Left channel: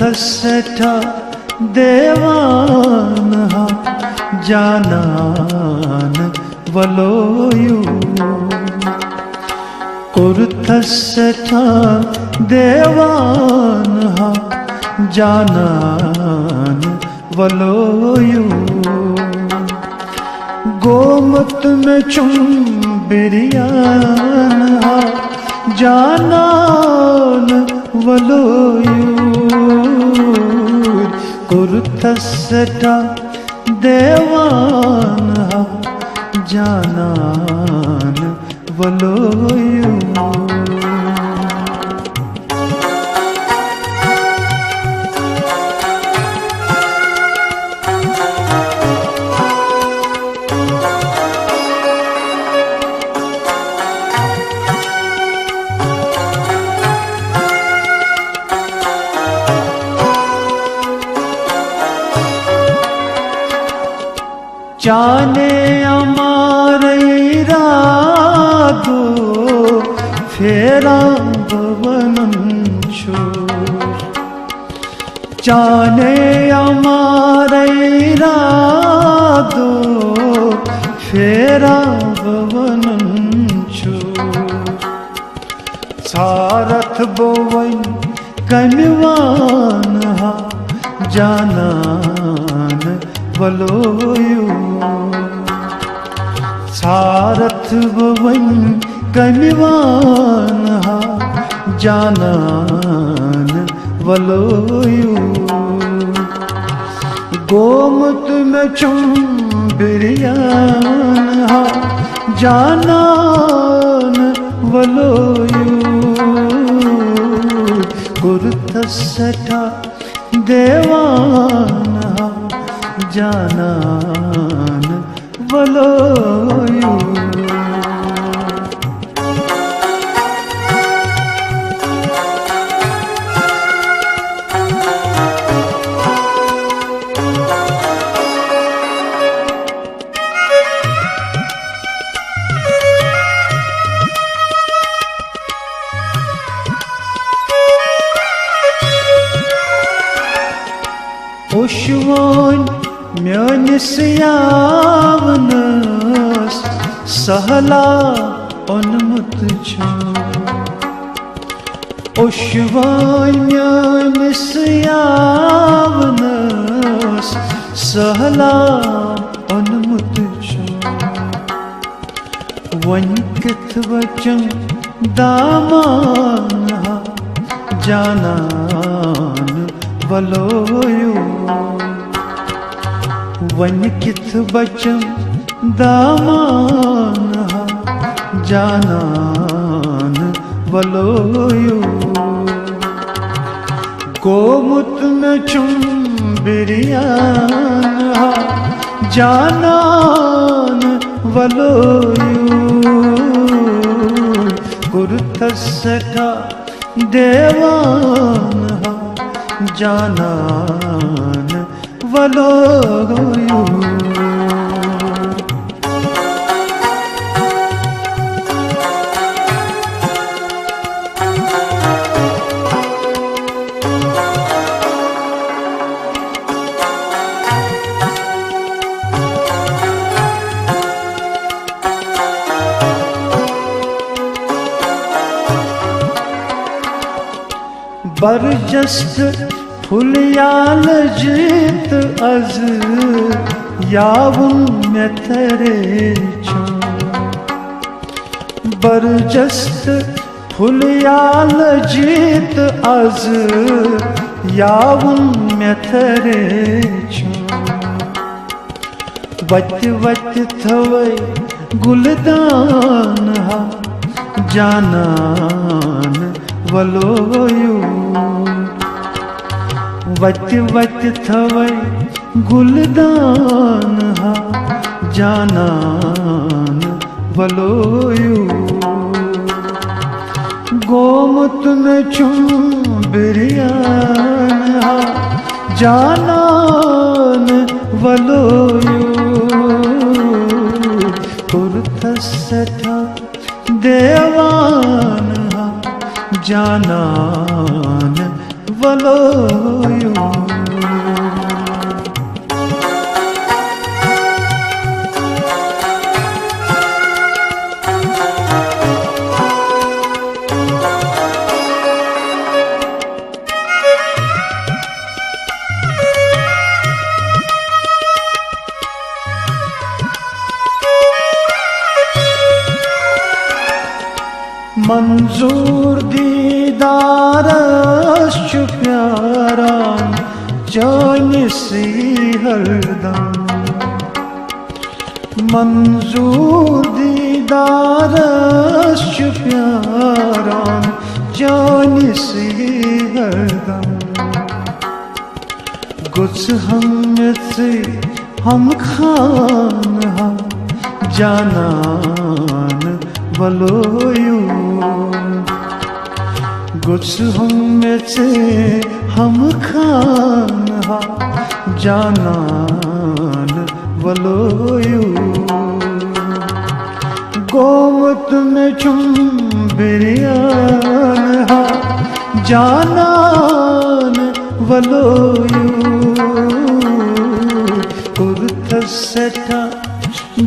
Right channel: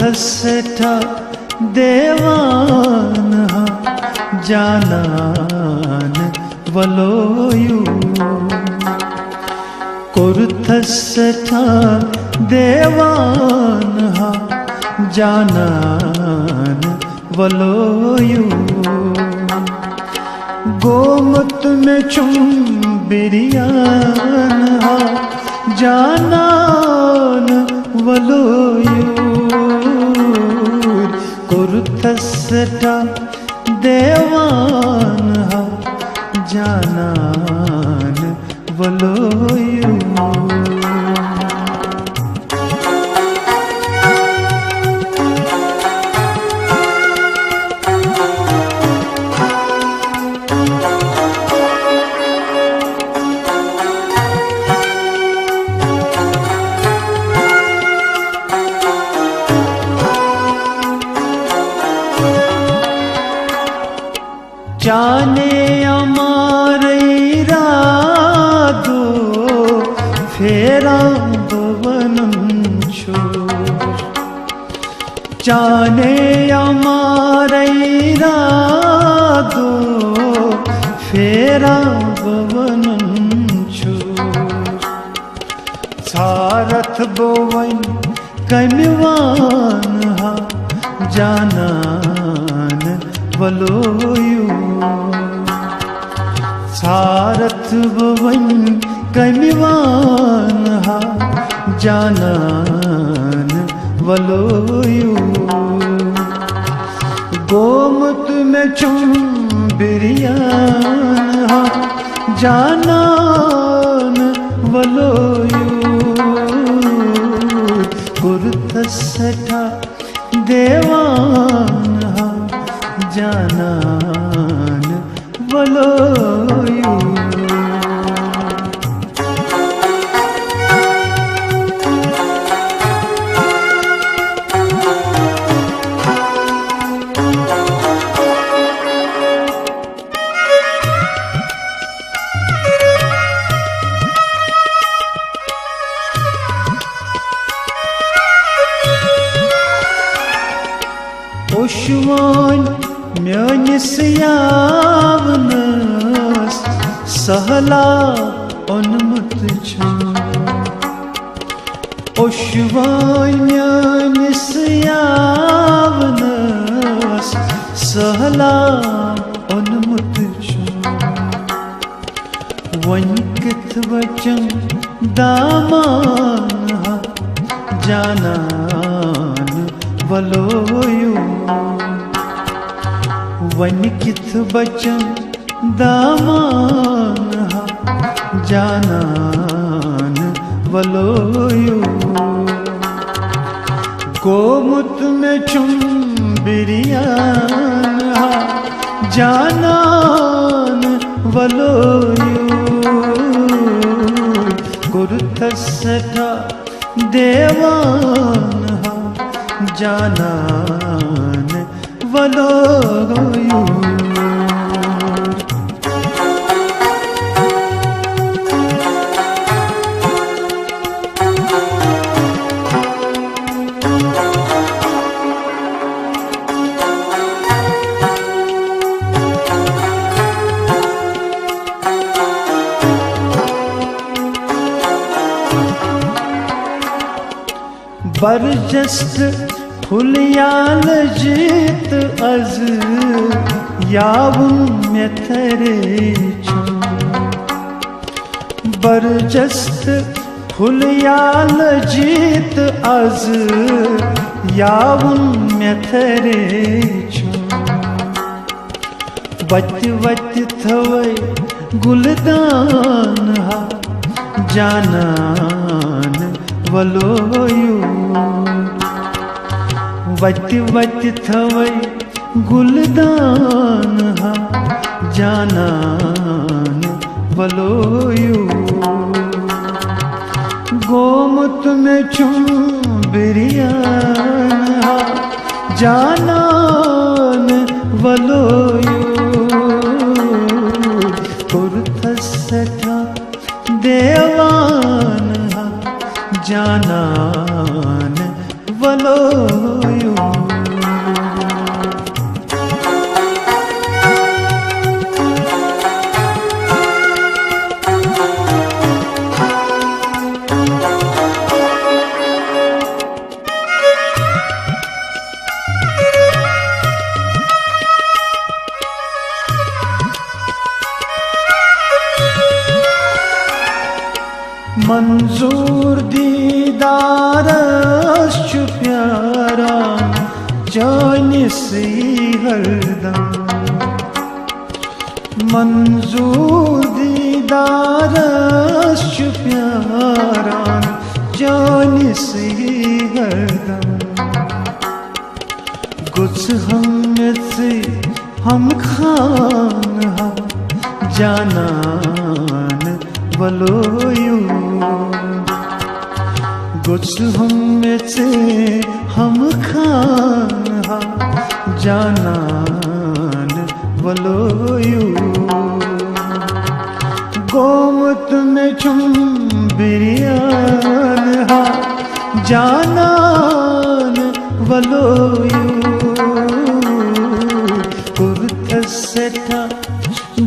कुर्थसठा देवान जानान वलोयु कुर्थसठा देवान जानान वलोयु गोमत में चुंबिरियान जानान वलोयु कुर्थसठा देवान जानान वलोयु जाने अमारे इरादो फेरा भवनं छोड़ जाने अमारे इरादो फेरा भवनं छोड़ सारथ बोवन कनिवान जानान वलोयु सारथ भवन कनिवान जानान वलोयु गोमत में चुंबिरियान जानान वलोयु कुर्थसठा देवान जानान वलोयु उश्वान म्यानिस यावनस सहला अनुमत छो उश्वान म्यानिस यावनस सहला अनुमत छो वंकित वचन दामान जानान वलोयु वंकित वचन दामान जानान वलोयु गोमुत में चुंबिरियान जानान वलोयु कुर्थसठा देवान जानान वलोयु बरजस्त फुलियाल जीत अज यावुं में तेरे छो बरजस्त फुलियाल जीत अज यावुं में तेरे छो वत वत थवै गुलदान जानान वलोयु वत वत थवै गुलदान जानान वलोयु गोमत में चुंबिरियान जानान वलोयु कुर्थसठा देवान जानान वलोयु मंजूर दीदारश प्यारा जानसी हरदम मंजूर दीदारश प्यारा जानसी हरदम गुस हमसे हम खान जानन वलोयू गुस हमसे हम खान जानन वलोयू गोमत में चुम बिरियान जानन वलोयू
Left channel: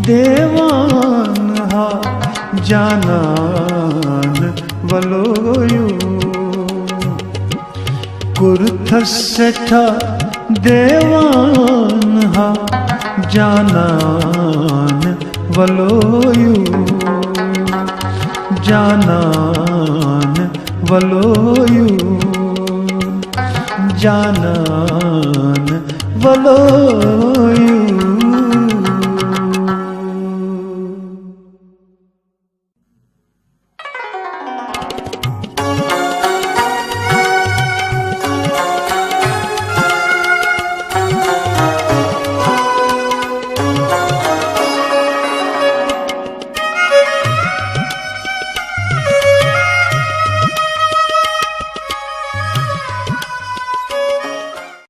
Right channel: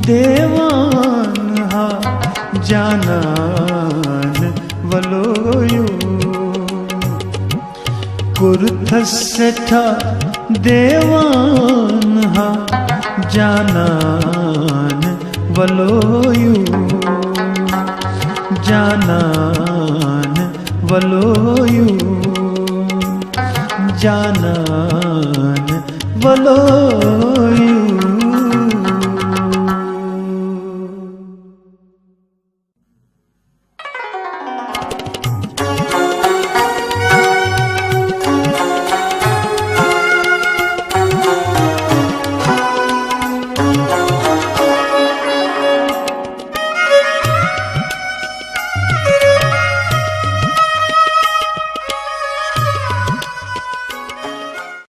देवान जानन वलोयू कुर्थसेठा देवान जानन वलोयू जानन वलोयू जानन वलोयू